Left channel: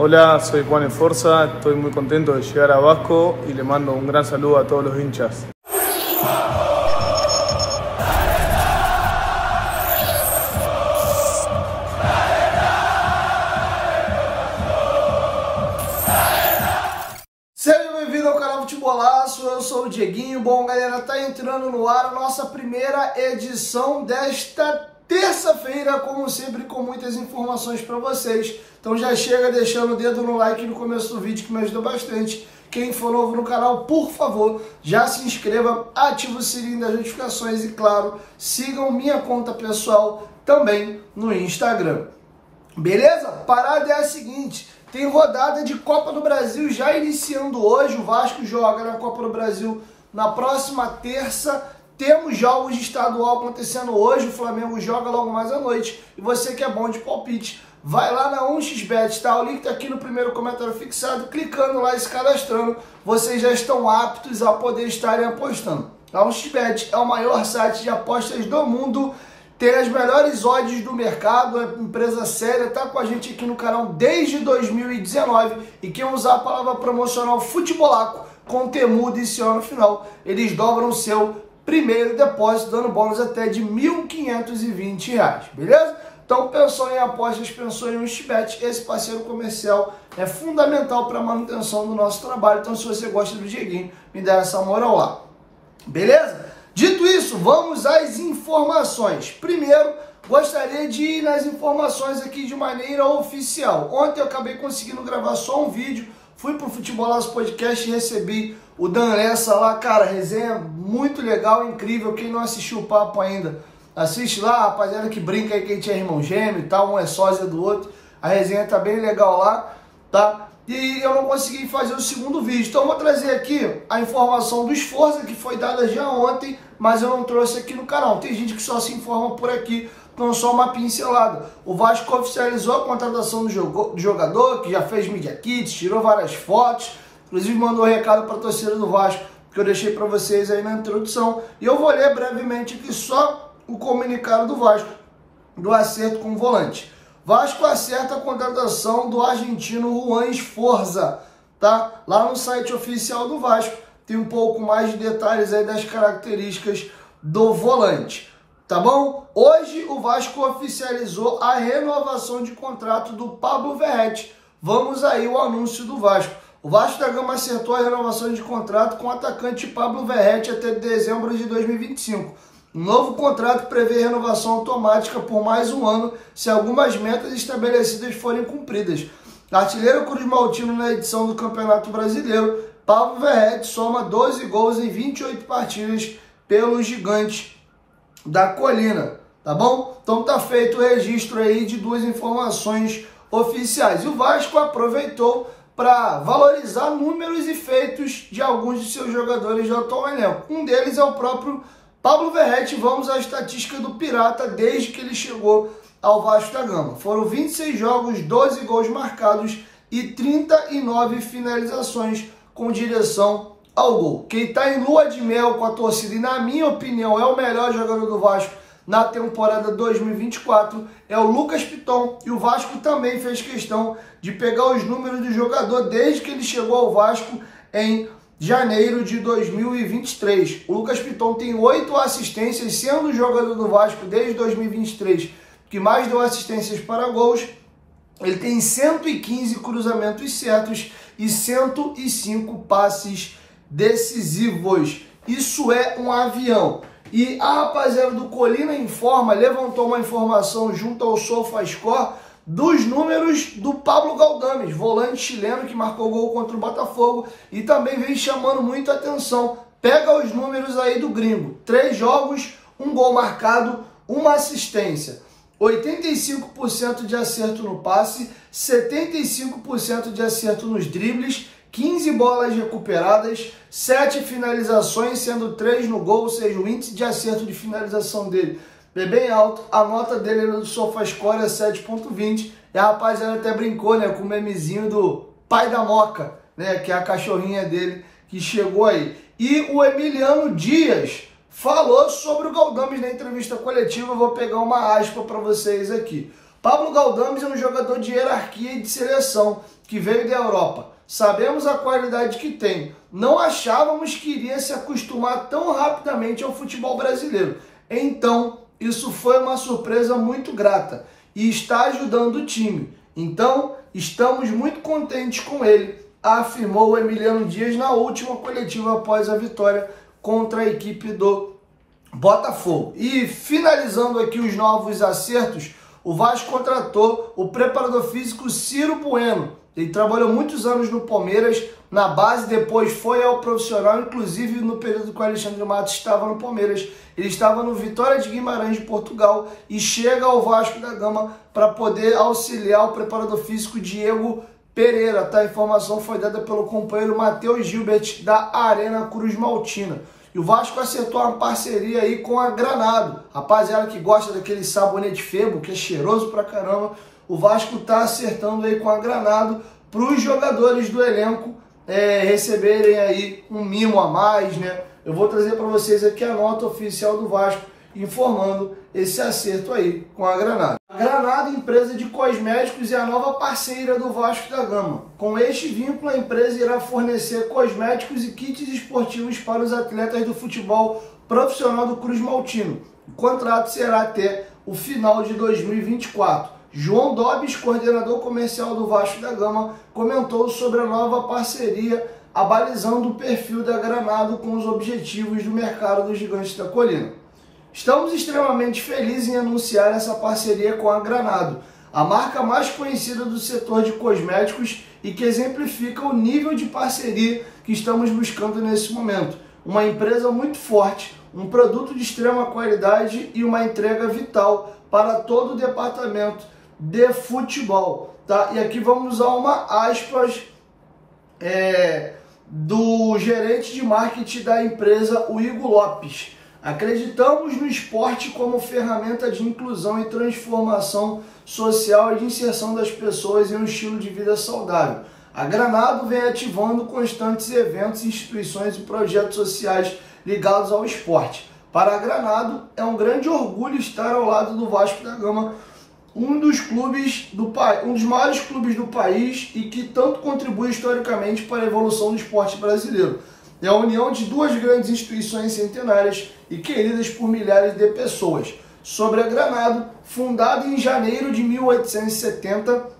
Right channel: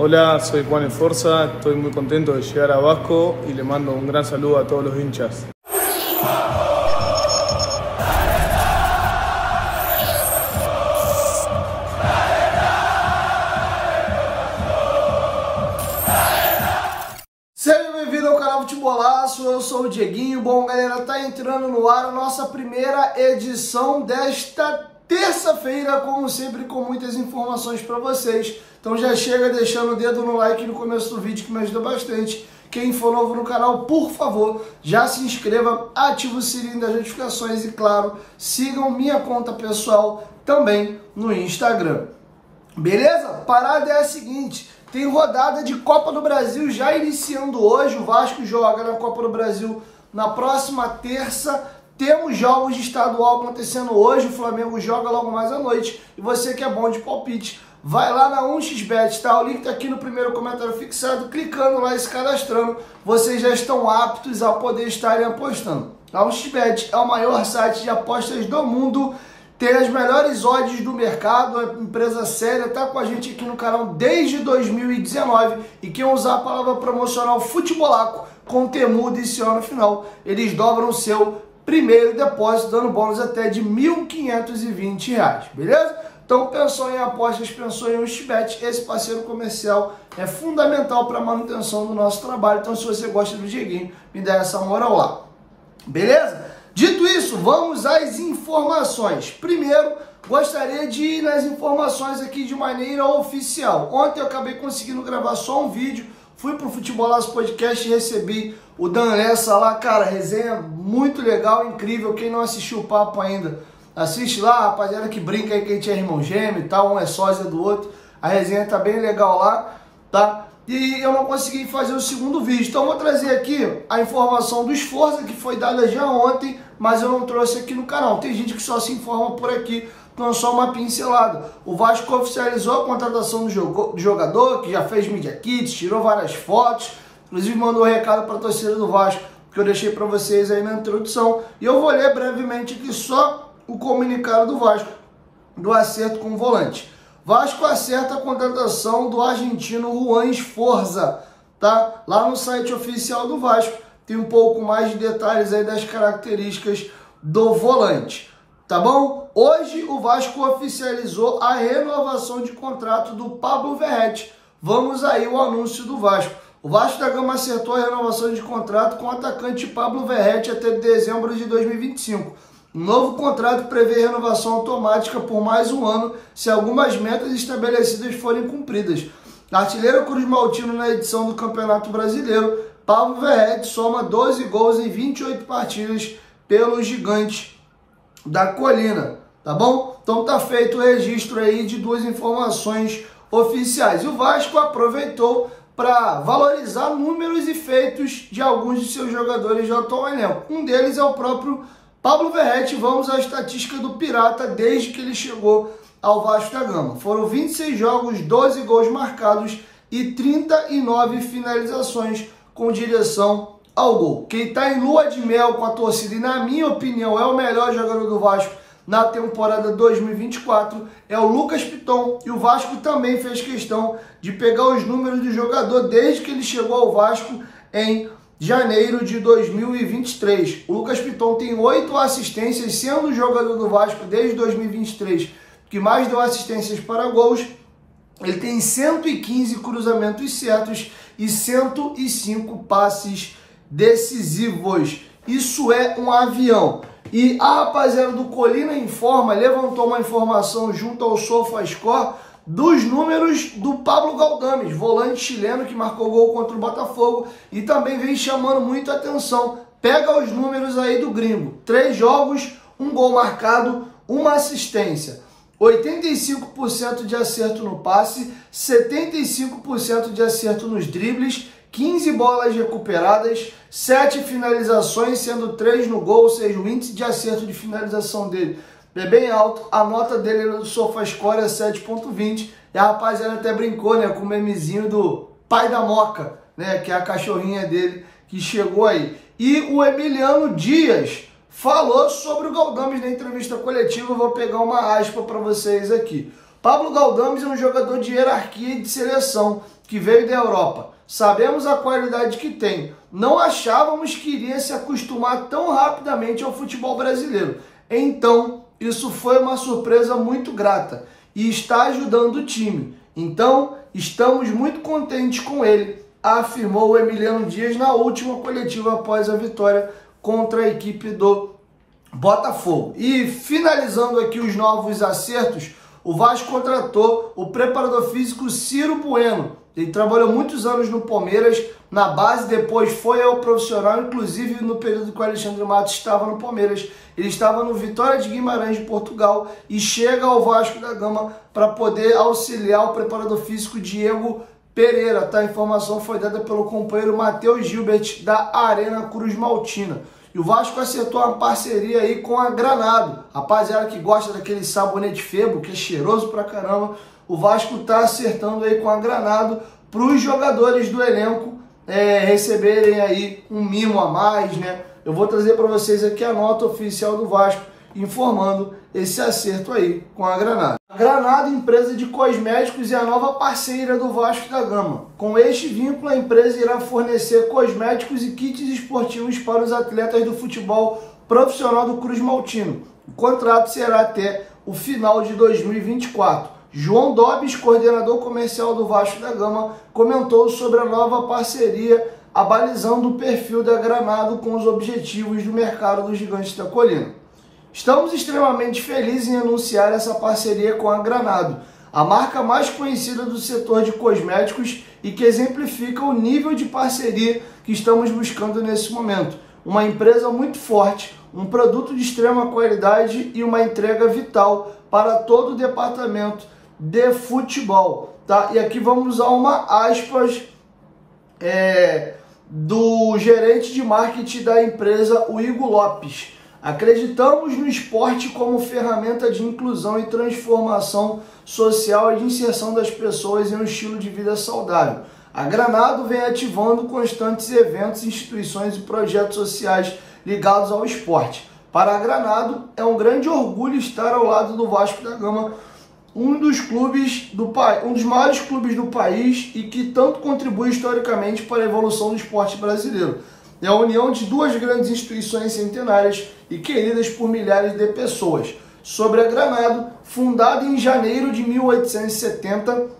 Hola, soy Juan Esforza, estoy muy contento de llegar a Vasco y le mando un gran saludo a todos los hinchas. Seja bem-vindo ao canal Futebolaço, eu sou o Dieguinho. Bom, galera, tá entrando no ar a nossa primeira edição desta terça-feira, como sempre, com muitas informações para vocês. Então já chega deixando o dedo no like no começo do vídeo, que me ajuda bastante. Quem for novo no canal, por favor, já se inscreva, ative o sininho das notificações e, claro, sigam minha conta pessoal também no Instagram. Beleza? Parada é a seguinte, tem rodada de Copa do Brasil já iniciando hoje. O Vasco joga na Copa do Brasil na próxima terça. Temos jogos de estadual acontecendo hoje, o Flamengo joga logo mais à noite. E você que é bom de palpite, vai lá na 1xBet, tá? O link tá aqui no primeiro comentário fixado, clicando lá e se cadastrando, vocês já estão aptos a poder estarem apostando. A 1xBet é o maior site de apostas do mundo, tem as melhores odds do mercado, a empresa séria, tá com a gente aqui no canal desde 2019, e quem usar a palavra promocional Futebolaco com temudo esse ano final, eles dobram o seu primeiro depósito, dando bônus até de R$ 1.520, beleza? Então, pensou em apostas, pensou em 1xBet, esse parceiro comercial é fundamental para a manutenção do nosso trabalho. Então, se você gosta do Dieguinho, me dá essa moral lá, beleza? Dito isso, vamos às informações. Primeiro, gostaria de ir nas informações aqui de maneira oficial. Ontem eu acabei conseguindo gravar só um vídeo, fui pro Futebolaço Podcast e recebi o Dan Lessa lá, cara, resenha muito legal, incrível. Quem não assistiu o papo ainda, assiste lá, rapaziada que brinca aí que a gente é irmão gêmeo e tal, um é sósia do outro. A resenha tá bem legal lá, tá? E eu não consegui fazer o segundo vídeo, então eu vou trazer aqui a informação do Esforza, que foi dada já ontem, mas eu não trouxe aqui no canal. Tem gente que só se informa por aqui, então só uma pincelada. O Vasco oficializou a contratação do jogador, que já fez media kits, tirou várias fotos, inclusive mandou um recado para a torcida do Vasco, que eu deixei para vocês aí na introdução. E eu vou ler brevemente aqui só o comunicado do Vasco, do acerto com o volante. Vasco acerta a contratação do argentino Juan Esforza, tá? Lá no site oficial do Vasco tem um pouco mais de detalhes aí das características do volante, tá bom? Hoje o Vasco oficializou a renovação de contrato do Pablo Verratti. Vamos aí o anúncio do Vasco. O Vasco da Gama acertou a renovação de contrato com o atacante Pablo Verratti até dezembro de 2025. Um novo contrato prevê renovação automática por mais um ano se algumas metas estabelecidas forem cumpridas. Artilheiro Cruz Maltino na edição do Campeonato Brasileiro, Pablo Verratti soma 12 gols em 28 partidas pelos Gigantes da Colina, tá bom? Então tá feito o registro aí de duas informações oficiais. E o Vasco aproveitou para valorizar números e feitos de alguns de seus jogadores do atual elenco. Um deles é o próprio Pablo Verratti. Vamos à estatística do Pirata desde que ele chegou ao Vasco da Gama. Foram 26 jogos, 12 gols marcados e 39 finalizações com direção ao gol. Quem está em lua de mel com a torcida e, na minha opinião, é o melhor jogador do Vasco na temporada 2024 é o Lucas Piton. E o Vasco também fez questão de pegar os números do jogador desde que ele chegou ao Vasco em janeiro de 2023. O Lucas Piton tem 8 assistências, sendo o jogador do Vasco desde 2023 que mais deu assistências para gols. Ele tem 115 cruzamentos certos e 105 passes decisivos. Isso é um avião. E a rapaziada do Colina Informa levantou uma informação junto ao SofaScore dos números do Pablo Galdames, volante chileno que marcou gol contra o Botafogo e também vem chamando muito a atenção. Pega os números aí do gringo: 3 jogos, 1 gol marcado, 1 assistência, 85% de acerto no passe, 75% de acerto nos dribles, 15 bolas recuperadas, 7 finalizações, sendo 3 no gol, ou seja, o índice de acerto de finalização dele é bem alto. A nota dele no SofaScore é 7.20. E a rapaziada até brincou, né, com o memezinho do pai da Moca, né, que é a cachorrinha dele que chegou aí. E o Emiliano Dias falou sobre o Galdames na entrevista coletiva. Eu vou pegar uma aspa para vocês aqui. Pablo Galdames é um jogador de hierarquia e de seleção. que veio da Europa. Sabemos a qualidade que tem. Não achávamos que iria se acostumar tão rapidamente ao futebol brasileiro. Então, isso foi uma surpresa muito grata e está ajudando o time. Então, estamos muito contentes com ele, afirmou o Emiliano Dias na última coletiva após a vitória contra a equipe do Botafogo. E finalizando aqui os novos acertos, o Vasco contratou o preparador físico Ciro Bueno. Ele trabalhou muitos anos no Palmeiras, na base, depois foi ao profissional, inclusive no período que o Alexandre Matos estava no Palmeiras. Ele estava no Vitória de Guimarães de Portugal e chega ao Vasco da Gama para poder auxiliar o preparador físico Diego Pereira. Tá? A informação foi dada pelo companheiro Matheus Gilbert da Arena Cruz Maltina. E o Vasco acertou uma parceria aí com a Granado. Rapaziada que gosta daquele sabonete Febo, que é cheiroso pra caramba, o Vasco tá acertando aí com a Granado para os jogadores do elenco receberem aí um mimo a mais, né? Eu vou trazer para vocês aqui a nota oficial do Vasco informando esse acerto aí com a Granado. A Granado, empresa de cosméticos, é a nova parceira do Vasco da Gama. Com este vínculo, a empresa irá fornecer cosméticos e kits esportivos para os atletas do futebol profissional do Cruz Maltino. O contrato será até o final de 2024. João Dobes, coordenador comercial do Vasco da Gama, comentou sobre a nova parceria, abalizando o perfil da Granado com os objetivos do mercado dos Gigantes da Colina. Estamos extremamente felizes em anunciar essa parceria com a Granado, a marca mais conhecida do setor de cosméticos e que exemplifica o nível de parceria que estamos buscando nesse momento. Uma empresa muito forte, um produto de extrema qualidade e uma entrega vital para todo o departamento de futebol. Tá? E aqui vamos usar uma aspas do gerente de marketing da empresa, o Igor Lopes. Acreditamos no esporte como ferramenta de inclusão e transformação social e de inserção das pessoas em um estilo de vida saudável. A Granado vem ativando constantes eventos, instituições e projetos sociais ligados ao esporte. Para a Granado, é um grande orgulho estar ao lado do Vasco da Gama, um dos maiores clubes do país e que tanto contribui historicamente para a evolução do esporte brasileiro. É a união de duas grandes instituições centenárias e queridas por milhares de pessoas. Sobre a Granado, fundada em janeiro de 1870,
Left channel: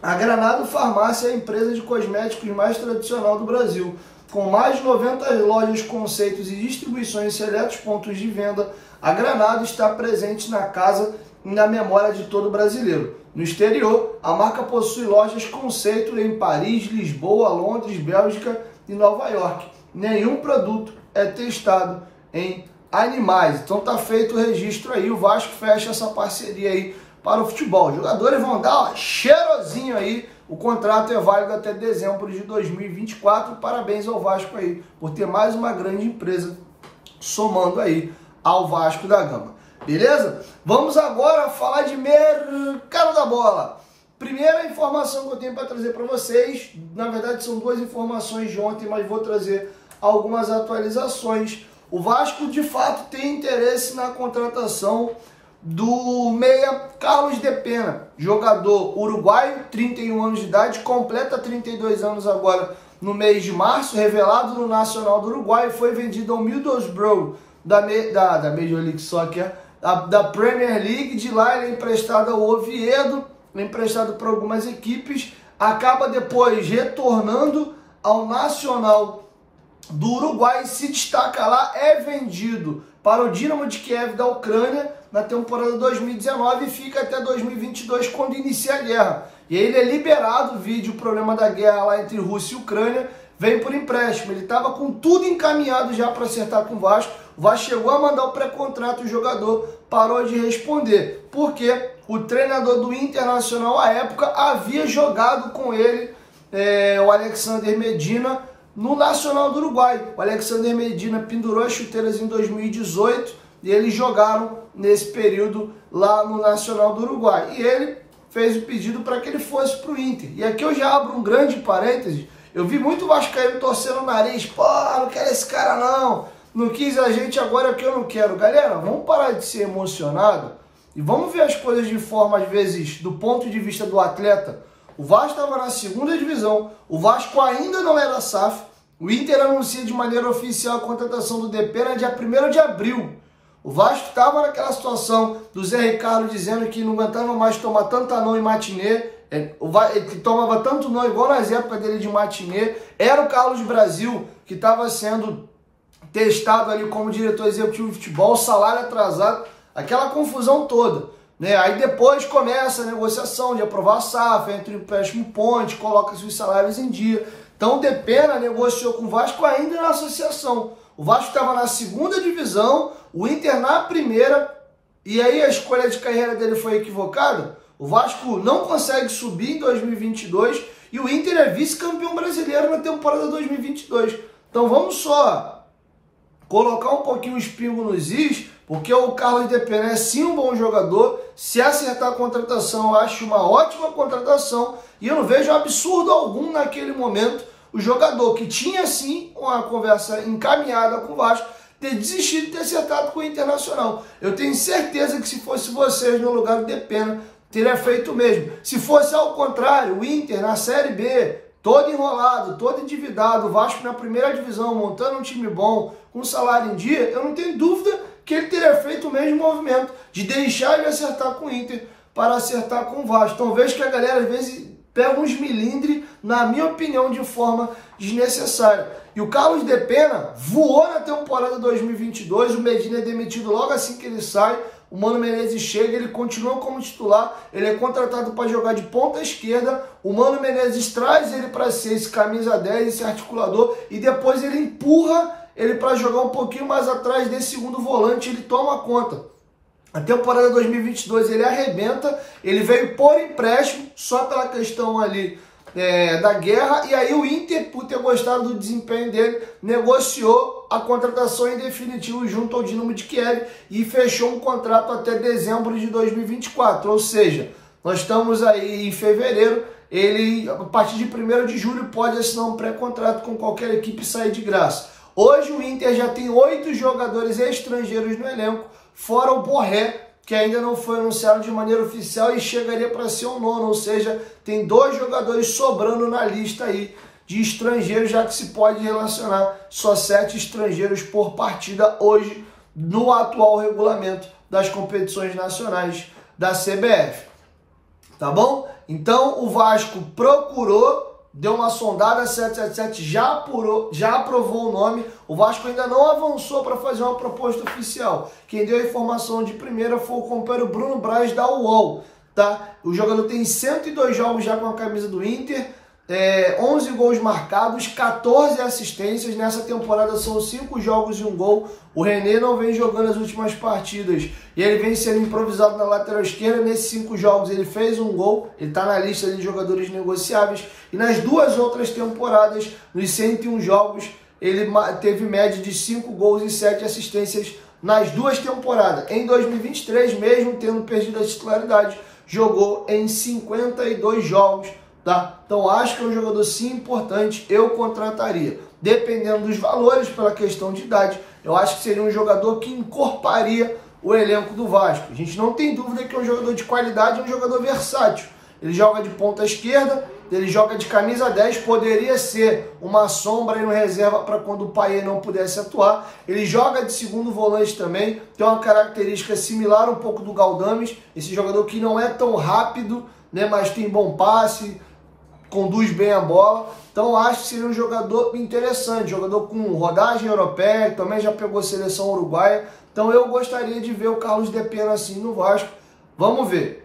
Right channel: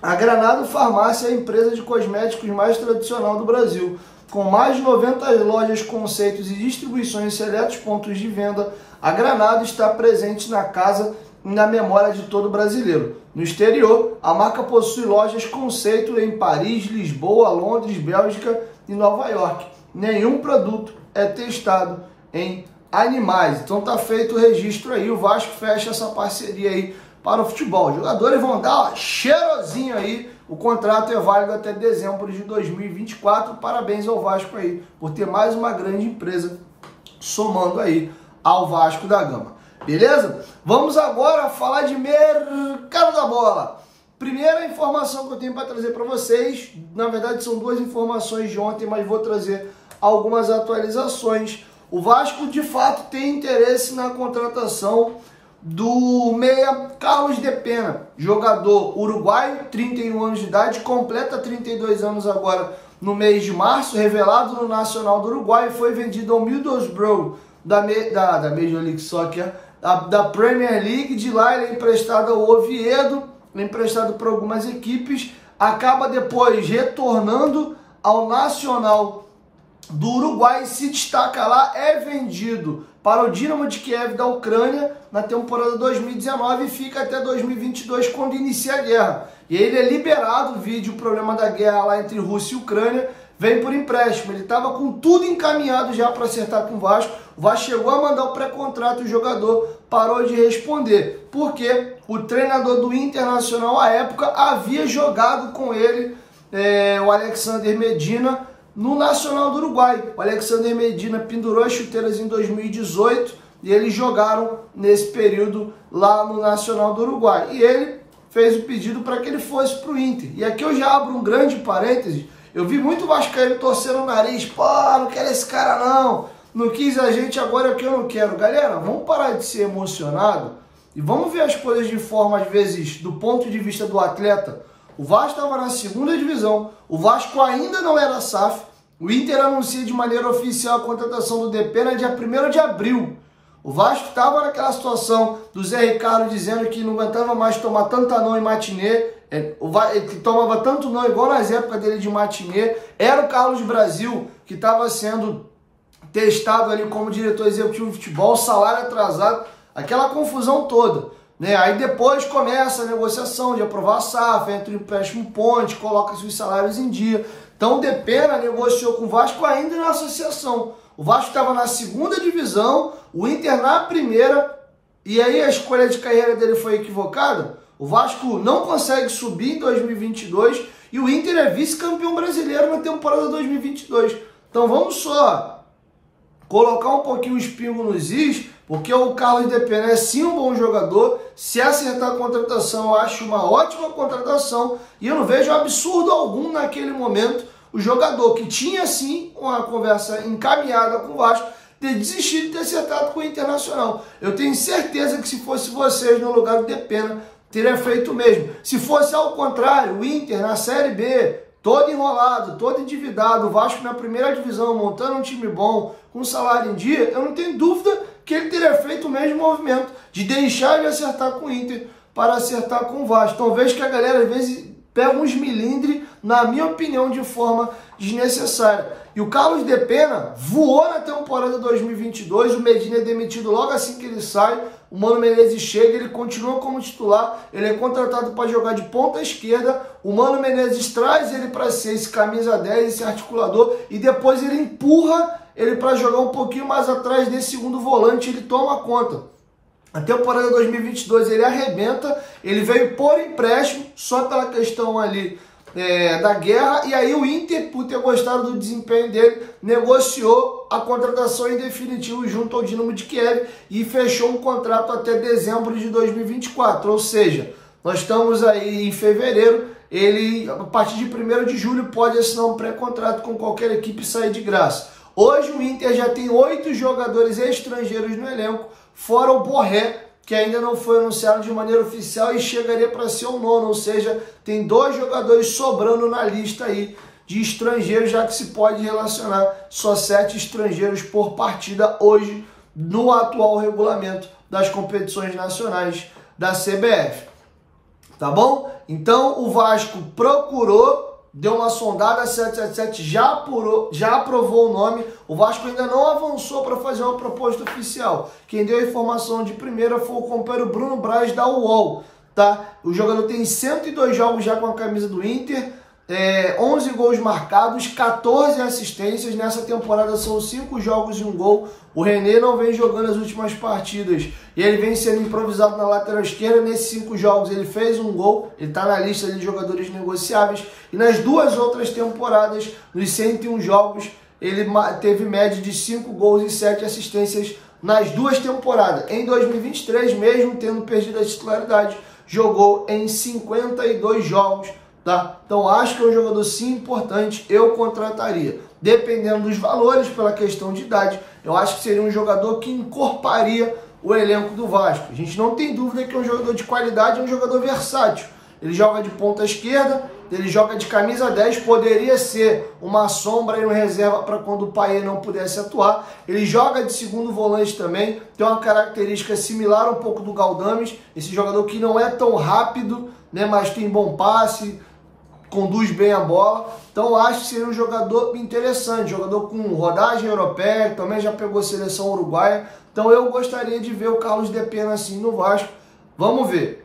a Granado Farmácia é a empresa de cosméticos mais tradicional do Brasil. Com mais de 90 lojas, conceitos e distribuições em seletos pontos de venda, a Granado está presente na casa e na memória de todo brasileiro. No exterior, a marca possui lojas conceito em Paris, Lisboa, Londres, Bélgica e Nova York. Nenhum produto é testado em animais. Então tá feito o registro aí, o Vasco fecha essa parceria aí para o futebol. Os jogadores vão dar cheirosinho aí, o contrato é válido até dezembro de 2024. Parabéns ao Vasco aí por ter mais uma grande empresa somando aí ao Vasco da Gama. Beleza? Vamos agora falar de mercado da bola. Primeira informação que eu tenho para trazer para vocês, na verdade são duas informações de ontem, mas vou trazer algumas atualizações. O Vasco de fato tem interesse na contratação do meia Carlos de Pena, jogador uruguaio, 31 anos de idade, completa 32 anos agora no mês de março, revelado no Nacional do Uruguai, foi vendido ao Middlesbrough da Major League Soccer, da Premier League. De lá ele é emprestado ao Oviedo, emprestado por algumas equipes, acaba depois retornando ao Nacional do Uruguai, se destaca lá, é vendido para o Dinamo de Kiev da Ucrânia na temporada 2019 e fica até 2022, quando inicia a guerra. E ele é liberado, vídeo o problema da guerra lá entre Rússia e Ucrânia, vem por empréstimo. Ele estava com tudo encaminhado já para acertar com o Vasco chegou a mandar o pré-contrato, o jogador parou de responder, porque o treinador do Internacional à época havia jogado com ele, o Alexander Medina, no Nacional do Uruguai. O Alexander Medina pendurou as chuteiras em 2018 e eles jogaram nesse período lá no Nacional do Uruguai. E ele fez o pedido para que ele fosse para o Inter. E aqui eu já abro um grande parênteses. Eu vi muito vascaíno torcendo o nariz. Pô, não quero esse cara não quis a gente, agora é o que eu não quero. Galera, vamos parar de ser emocionado e vamos ver as coisas de forma, às vezes, do ponto de vista do atleta. O Vasco estava na segunda divisão, o Vasco ainda não era SAF, o Inter anuncia de maneira oficial a contratação do Depena dia 1º de abril. O Vasco estava naquela situação do Zé Ricardo dizendo que não aguentava mais tomar tanta não em matinê, ele tomava tanto não igual nas épocas dele de matinê. Era o Carlos Brasil que estava sendo testado ali como diretor executivo de futebol, salário atrasado, aquela confusão toda, né? Aí depois começa a negociação de aprovar a SAF, entra o empréstimo ponte, coloca-se os salários em dia. Então o Depena negociou com o Vasco ainda na associação. O Vasco estava na segunda divisão, o Inter na primeira, e aí a escolha de carreira dele foi equivocada. O Vasco não consegue subir em 2022 e o Inter é vice-campeão brasileiro na temporada 2022. Então vamos só colocar um pouquinho o espingo nos is, porque o Carlos Depena é sim um bom jogador. Se acertar a contratação, eu acho uma ótima contratação e eu não vejo absurdo algum naquele momento o jogador que tinha sim uma conversa encaminhada com o Vasco ter desistido de ter acertado com o Internacional. Eu tenho certeza que se fosse vocês no lugar do Depena, teria feito o mesmo. Se fosse ao contrário, o Inter na Série B, todo enrolado, todo endividado, o Vasco na primeira divisão, montando um time bom, com salário em dia, eu não tenho dúvida que ele teria feito o mesmo movimento de deixar de acertar com o Inter para acertar com o Vasco. Então vejo que a galera às vezes pega uns milindres, na minha opinião, de forma desnecessária. E o Carlos Depena voou na temporada 2022, o Medina é demitido logo assim que ele sai, o Mano Menezes chega, ele continua como titular, ele é contratado para jogar de ponta esquerda, o Mano Menezes traz ele para ser esse camisa 10, esse articulador, e depois ele empurra ele para jogar um pouquinho mais atrás desse segundo volante, ele toma conta. A temporada 2022 ele arrebenta, ele veio por empréstimo, só pela questão ali da guerra, e aí o Inter, por ter gostado do desempenho dele, negociou a contratação em definitivo junto ao Dinamo de Kiev e fechou um contrato até dezembro de 2024, ou seja, nós estamos aí em fevereiro, ele a partir de 1º de julho pode assinar um pré-contrato com qualquer equipe e sair de graça. Hoje o Inter já tem 8 jogadores estrangeiros no elenco, fora o Borré, que ainda não foi anunciado de maneira oficial e chegaria para ser o 9º, ou seja, tem 2 jogadores sobrando na lista aí de estrangeiros, já que se pode relacionar só 7 estrangeiros por partida hoje no atual regulamento das competições nacionais da CBF. Tá bom? Então o Vasco procurou, deu uma sondada, a 777 já aprovou o nome. O Vasco ainda não avançou para fazer uma proposta oficial. Quem deu a informação de primeira foi o companheiro Bruno Braz da UOL. Tá? O jogador tem 102 jogos já com a camisa do Inter, 11 gols marcados, 14 assistências. Nessa temporada são 5 jogos e 1 gol. O René não vem jogando as últimas partidas e ele vem sendo improvisado na lateral esquerda. Nesses 5 jogos ele fez 1 gol, ele está na lista de jogadores negociáveis. E nas 2 outras temporadas, nos 101 jogos, ele teve média de 5 gols e 7 assistências nas 2 temporadas. Em 2023, mesmo tendo perdido a titularidade, jogou em 52 jogos. Tá? Então acho que é um jogador sim importante, eu contrataria. Dependendo dos valores, pela questão de idade, eu acho que seria um jogador que encorparia o elenco do Vasco. A gente não tem dúvida que é um jogador de qualidade, é um jogador versátil. Ele joga de ponta esquerda, ele joga de camisa 10, poderia ser uma sombra e uma reserva para quando o Payet não pudesse atuar. Ele joga de segundo volante também, tem uma característica similar um pouco do Galdames, esse jogador que não é tão rápido, né, mas tem bom passe, conduz bem a bola. Então acho que seria um jogador interessante, jogador com rodagem europeia, também já pegou seleção uruguaia. Então eu gostaria de ver o Carlos Depena assim no Vasco. Vamos ver.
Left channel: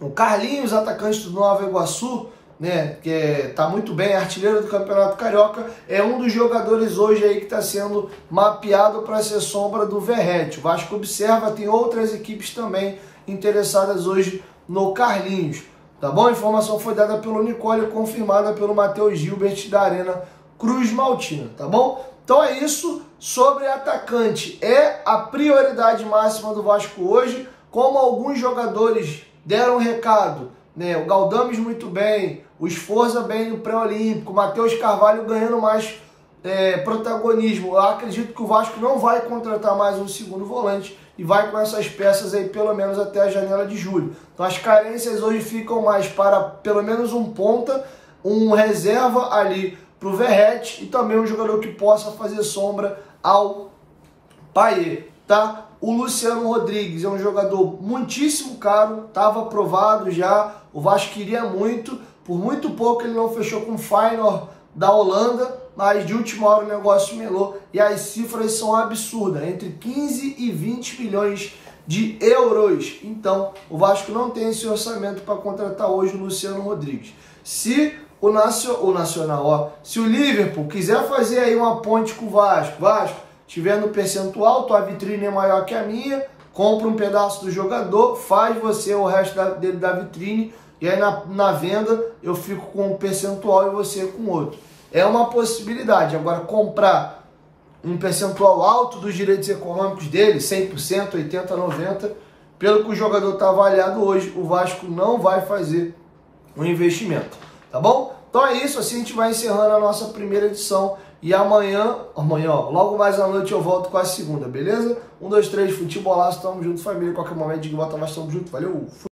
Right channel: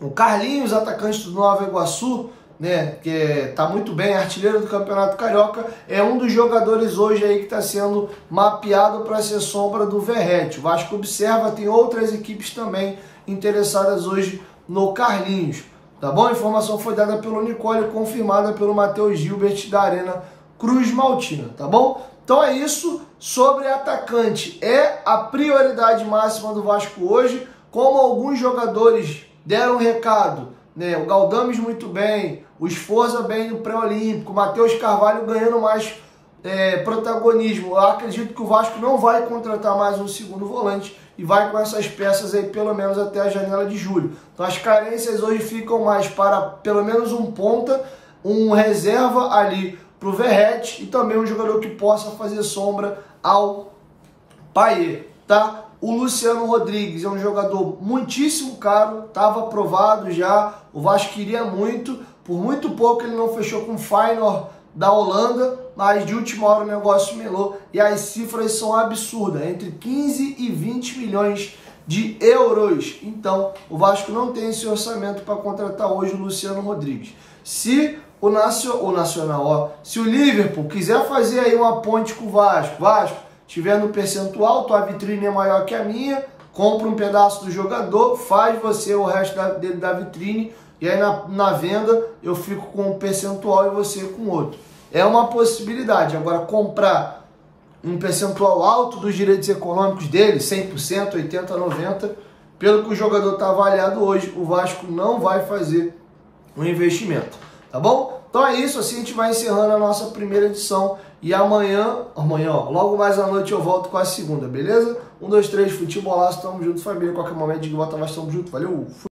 O Carlinhos, atacante do Nova Iguaçu, né, que tá muito bem, artilheiro do Campeonato Carioca, é um dos jogadores hoje aí que está sendo mapeado para ser sombra do Verratti. O Vasco observa, tem outras equipes também interessadas hoje no Carlinhos. Tá bom? A informação foi dada pelo Nicole, confirmada pelo Matheus Gilbert da Arena Cruz Maltina, tá bom? Então é isso sobre atacante. É a prioridade máxima do Vasco hoje, como alguns jogadores deram recado, né? O Galdames muito bem, o Sforza bem no pré-olímpico, o Matheus Carvalho ganhando mais protagonismo. Eu acredito que o Vasco não vai contratar mais um segundo volante e e vai com essas peças aí pelo menos até a janela de julho. Então as carências hoje ficam mais para pelo menos um ponta, um reserva ali para o Verratti e também um jogador que possa fazer sombra ao Payet, tá? O Luciano Rodrigues é um jogador muitíssimo caro, estava aprovado já, o Vasco queria muito, por muito pouco ele não fechou com o Feyenoord da Holanda, mas de última hora o negócio melou e as cifras são absurdas, entre 15 e 20 milhões de euros. Então, o Vasco não tem esse orçamento para contratar hoje o Luciano Rodrigues. Se se o Liverpool quiser fazer aí uma ponte com o Vasco tiver no percentual, tua vitrine é maior que a minha, compra um pedaço do jogador, faz você o resto dele da vitrine, e aí na venda eu fico com um percentual e você com outro. É uma possibilidade. Agora, comprar um percentual alto dos direitos econômicos dele, 100%, 80%, 90%, pelo que o jogador está avaliado hoje, o Vasco não vai fazer um investimento, tá bom? Então é isso, assim a gente vai encerrando a nossa primeira edição. E amanhã, ó, logo mais à noite eu volto com a segunda, beleza? 1, 2, 3, futebolaço, tamo junto, família. Qualquer momento, diga, bota mais, tamo junto, valeu!